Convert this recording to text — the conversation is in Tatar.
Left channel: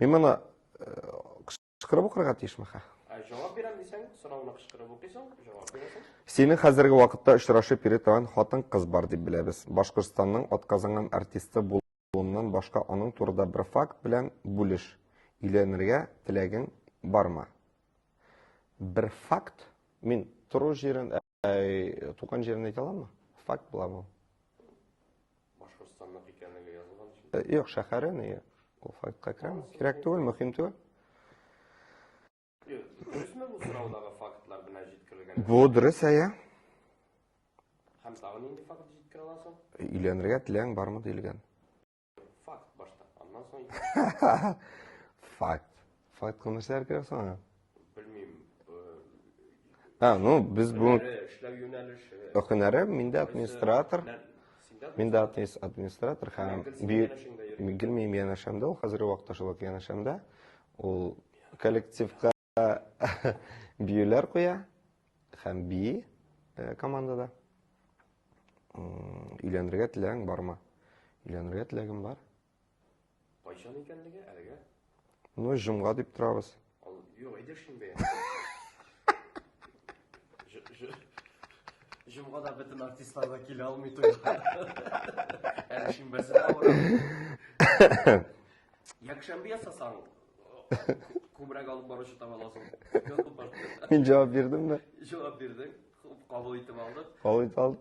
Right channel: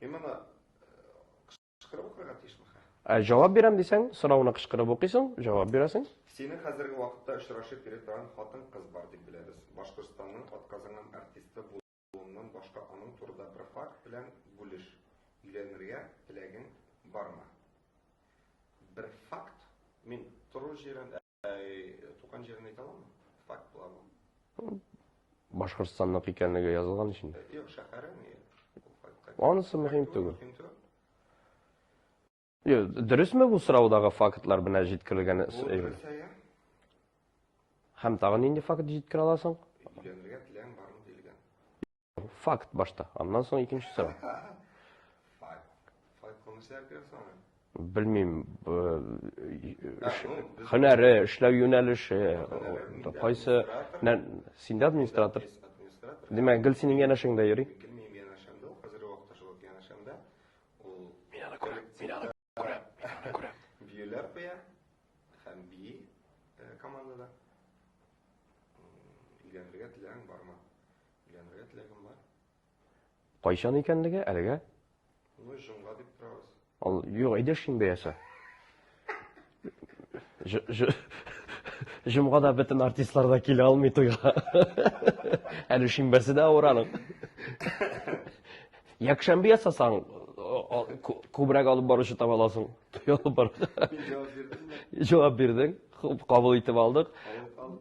Мен мына кычкырып укырга тиешмин. Жауап берем десең, сұрауына кычкырып окуйсың, жауап бересің. Сенің хәзерге вакытта очрашып йөри торган хатын-кыз бар дип беләбез. Башкортстанның атказанган артисты булуыннан башка аның турында бер факт белән бүлеш. Өйләнергә теләгең бармы? Бер факт? Мин туру җирен, туган җирен әйтә аламмы? Факт була бу. Башкортстанның икәнлеге язылган өчен. Юк, шәһәре не? Ул фактка. Анысы мөһим түгел. Дөресме бу сораудагы фактлар белән җиткерелгән? Бу дөрес, Һәм тагын нинди факт җиткерә аласың? Өйләнергә теләгең бармы дилгән. Факт башта. Аннан соң икенче сорау. Факт. Факт кылмышлар керек соңа. Белмим. Без Һөнәре, эшләү юнәлеше. Һөнәре, миндә администратор. Синдә администратор. Администратор. Димәк, гел синең янәшеңдә йөри. Гел минем янәшәмдә, ул хәзерге вакытта шулай янәшәмдә. Ул коллективта биюләр куя һәм бии командада. Өйләнергә теләгең бармы? Өйләнергә теләгем бар. Кайчан икәнлеге әлегә? Ну, җомга дип торабыз. Юк, әйдә шимбәясә. Җомгада бөтен артистлар да килә алмый туйга. Әле шимбәсе дә авыраның. Якшәмбе ясасаң, күбрәк алып баручы таба аласың. Мин җавап бирдемме? Җавап бирдең, кабул итеп алдык. Кабул итеп алдым.